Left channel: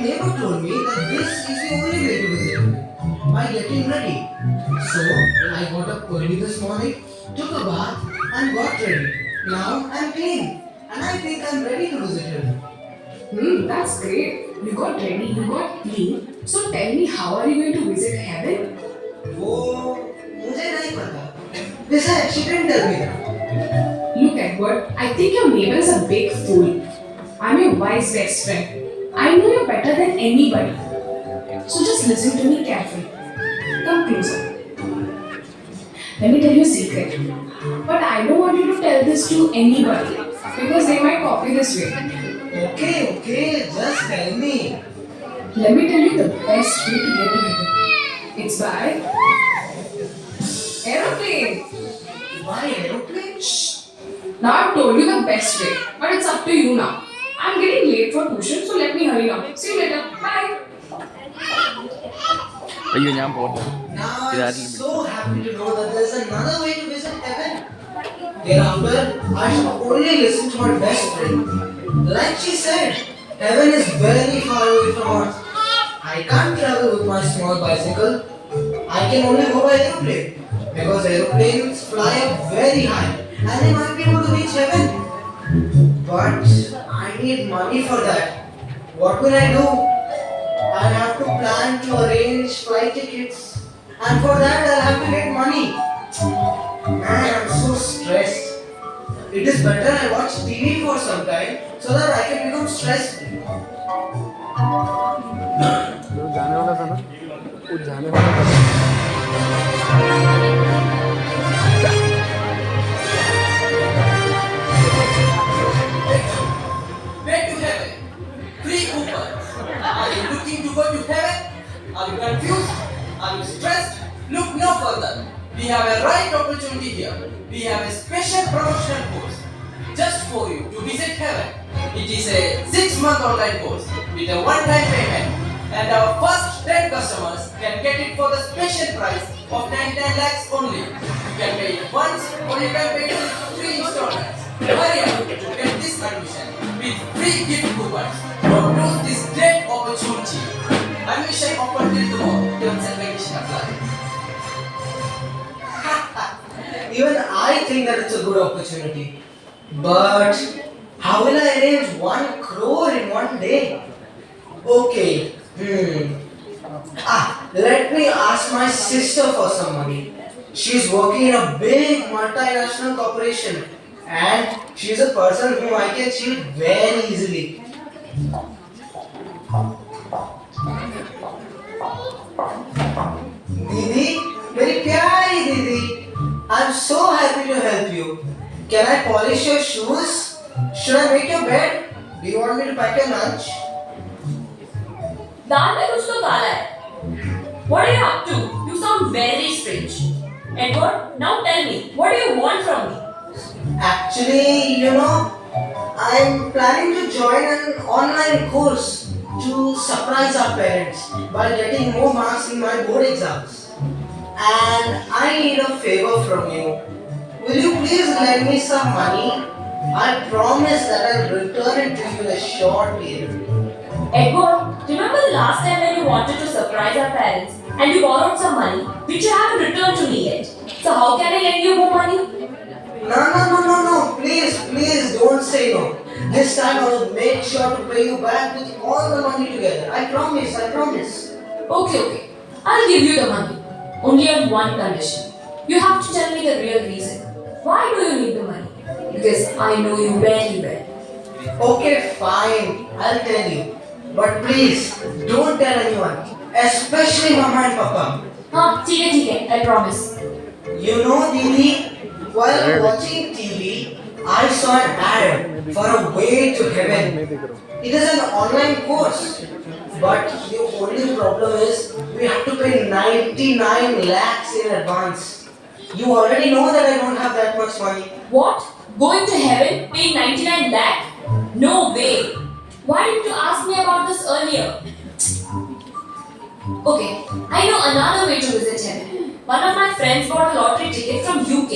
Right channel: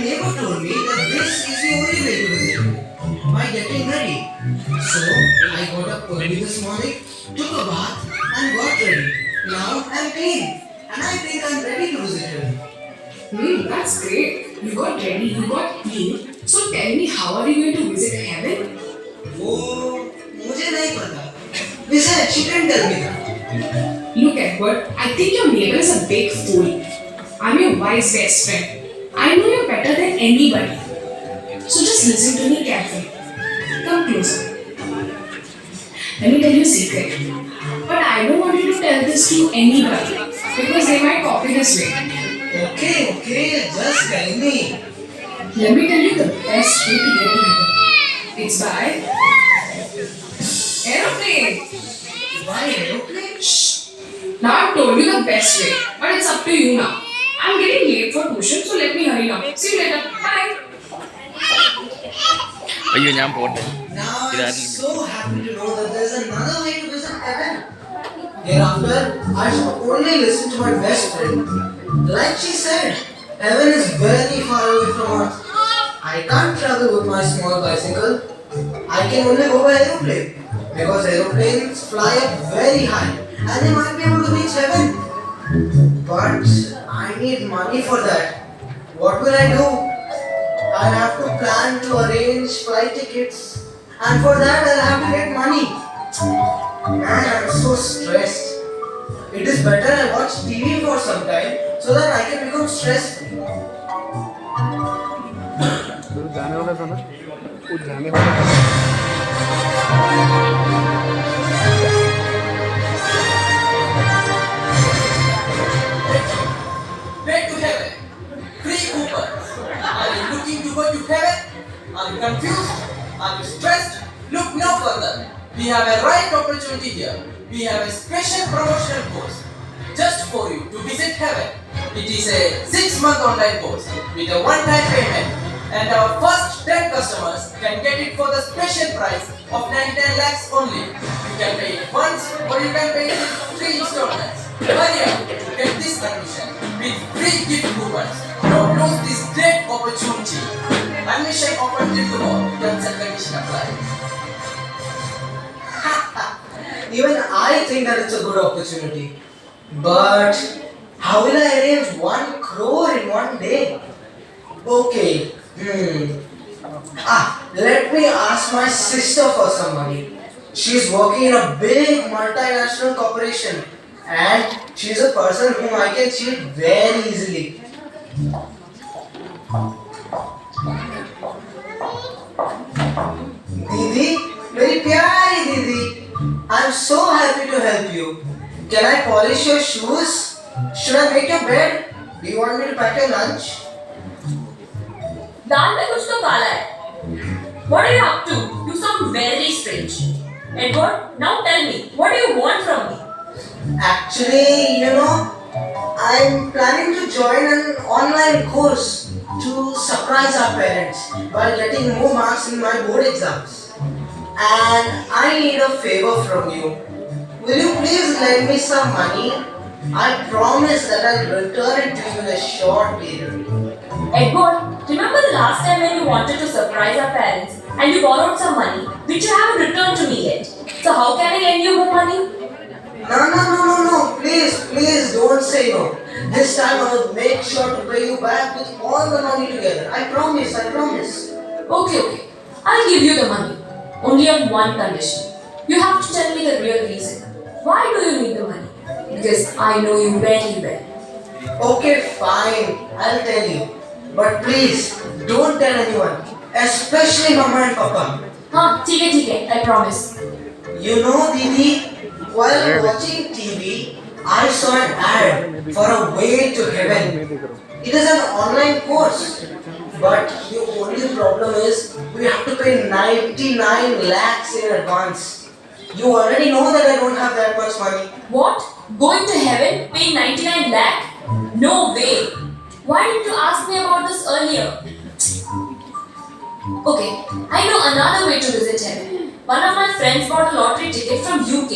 neighbor told me that this is the only way to visit heaven by getting ready. So I got up early this morning, took a bath, and got ready. Now I'm clean, and I think I'm ready to visit heaven. That's great. You got ready, you got clean. So tell me, how are you going to visit heaven? वो मुझे नहीं पता. Besides, she didn't tell me that. Look, Edward, I think your neighbor is a big fool. I'm your wise best friend. I know you better than anybody. So just listen to me carefully. Come closer. Let me tell you a secret. But I don't want you to tell this to anybody because they might copy this way. Okay, just tell me. Let me tell you the best way to get to heaven. It's by aeroplane. Why aeroplane? Shh. Now I've told you the best way, but it's up to you now. I'm getting late for tuition, so let me hurry now. See you later. Bye. അയ്യോ ഞാൻ പോട്ടെ. Now I'm so happy to know that there's another way to visit heaven. Thereafter, I should only listen to my best friend. Like she said, heaven is very far away from us. I can't travel with my small bicycle. I can only go by aeroplane because aeroplanes fly up very high and they might be able to reach heaven. But I need money for that. What will I do? I'll have to plan to arrange flight tickets, and for that I'll have to get money. Man, I'm so stressed. It is better I watch TV for some time so that I can become stress free. जो जाने वाला था ना, वो जाने वाला था. Way to heaven. Free coupons. Are you looking to go to heaven? Are you confused? Are you stressed? Look no further. We have a right opportunity here. We have a special promotional course just for you to visit heaven. It is a 6-month online course with a one-time payment, and our first 10 customers can get it for the special price of 99 lakhs only. You can pay it once or you can pay it in 3 installments. Hurry up to get this admission with free gift coupons. Don't lose this great opportunity. Admission open till tomorrow. Terms and conditions apply. Even I think that it's a good opportunity. But how will I arrange 1 crore in one day? Okay. Let me ask my sister for some money. She's working in a big multinational corporation and she's a person whom I can cheat very easily. Didi, very pyari Didi. I'm so happy to help you. Can I polish your shoes? Should I make your bed? Do you want me to pack your lunch? दाल में कुछ तो काला है. What are you up to? You sound very strange. Edward, now tell me, what do you want from me? Actually, I'm planning to join an online course to surprise our parents by getting more marks in my board exams. And I need a favor from you. Will you please lend me some money? I promise that I'll return it to you in a short period. Edward, remember the last time when you wanted to surprise our parents and you borrowed some money which you haven't returned to me yet? So how can I lend you more money? No. Please don't say no. This time I will make sure to pay you back with all the money together. I promise. Okay. I'll give you the money. Only on one condition. You have to tell me the real reason. Why do you need the money? Because I know you very well. Okay, fine. I'll tell you. But please, don't tell anyone. Especially Mama and Papa. हाँ ठीक है, I promise. You know, Didi, while watching TV, I saw an ad for a way to heaven. It is an online course. But the only problem is we have to pay 99 lakhs in advance. You already know that I don't have that much money. What? Going to heaven? Paying 99 lakh? No way. Why didn't you ask me about this earlier? Okay, I know another way to visit heaven. One of my friends bought a lottery ticket from UK.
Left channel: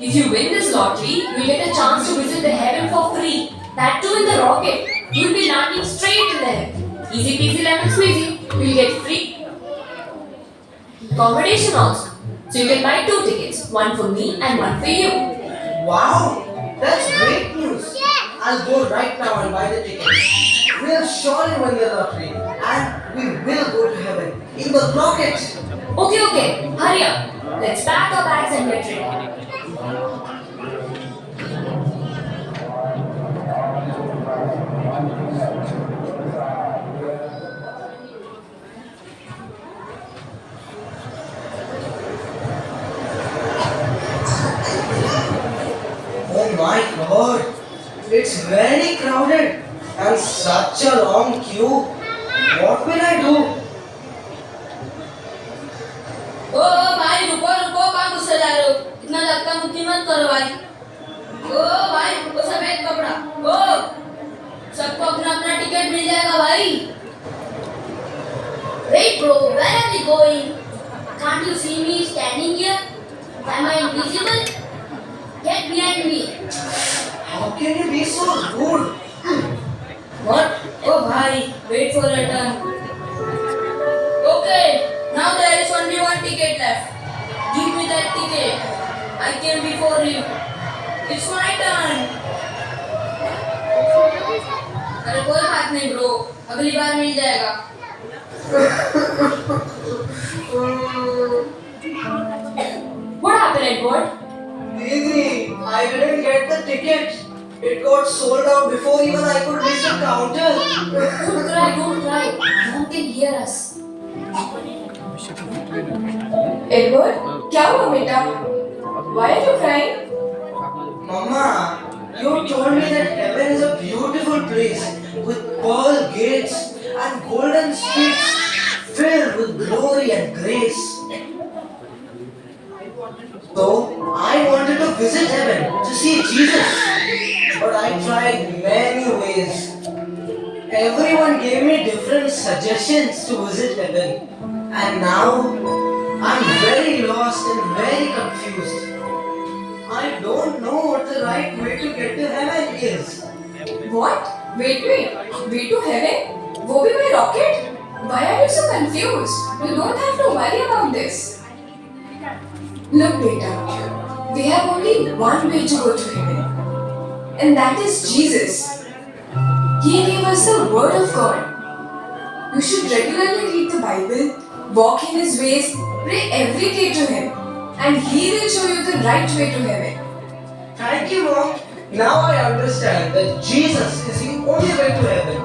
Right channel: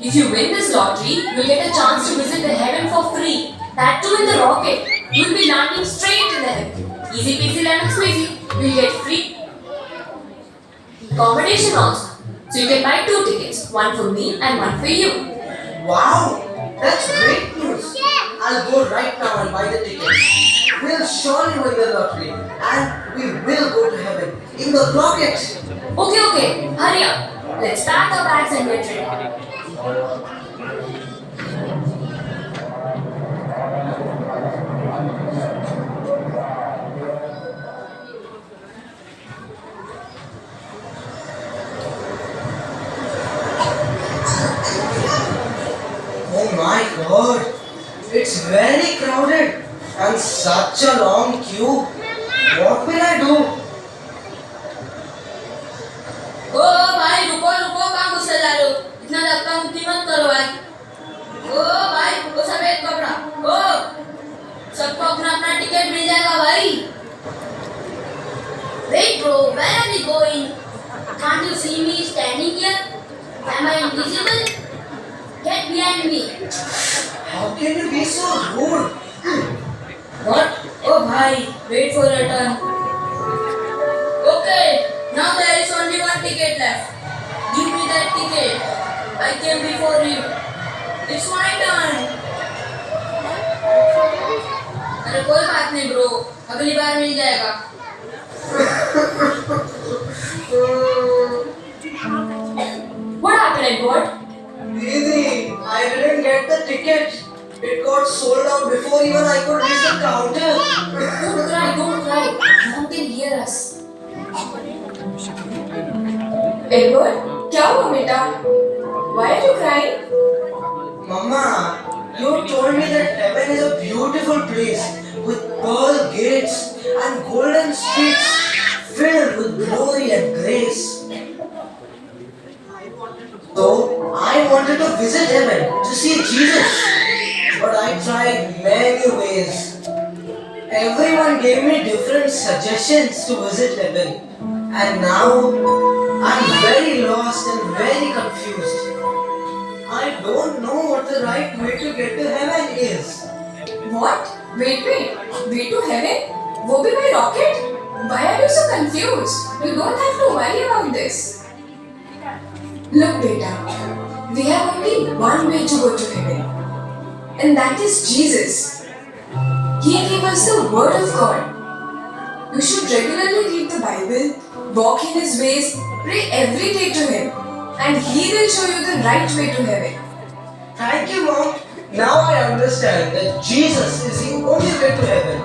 If you win this lottery, you'll get a chance to visit the heaven for free. That too in the rocket. You'll be landing straight in the heaven. Easy peasy lemon squeezy. You'll get free accommodation also. So you can buy 2 tickets, one for me and one for you. Wow, that's great news. I'll go right now and buy the tickets. We'll surely win the lottery and we will go to heaven in the rocket. Okay, hurry up. Let's pack our bags and get ready. Oh my god, it's very crowded and such a long queue. What will I do? ओ भाई रुको कहाँ घुसे जा रहे हो? इतना धक्का मुक्की मत करो भाई। ओ भाई वो सफेद कपड़ा। ओ सबको अपना अपना टिकट मिल जाएगा भाई। Wait bro, where are we going? Can't you see me standing here? Am I invisible? Get behind me. How can you be so rude? What? Oh bhai, wait for your turn. Okay, now there is only one ticket left. Give me that ticket. I came before you. It's my turn. अरे कोई बात नहीं bro, अगली बार मिल जाएगा. What happened, Edward? Didi, I didn't get the ticket. It got sold out before even I could reach the counter. Don't cry. No one can hear us. Edward, क्या हुआ बेटा? Why are you crying? Mama, you told me that heaven is a beautiful place with pearl gates and golden streets filled with glory and grace. So, I wanted to visit heaven to see Jesus. But I tried many ways. Everyone gave me different suggestions to visit heaven. And now, I'm very lost and very confused. I don't know what the right way to get to heaven is. What? Wait. Way to heaven? वो भी by rocket? Why are you so confused? You don't have to worry about this. Look, beta, we have only one way to go to heaven, and that is Jesus. He gave us the Word of God. You should regularly read the Bible, walk in His ways, pray every day to Him, and He will show you the right way to heaven. Thank you, Mom. Now I understand that Jesus is the only way to heaven.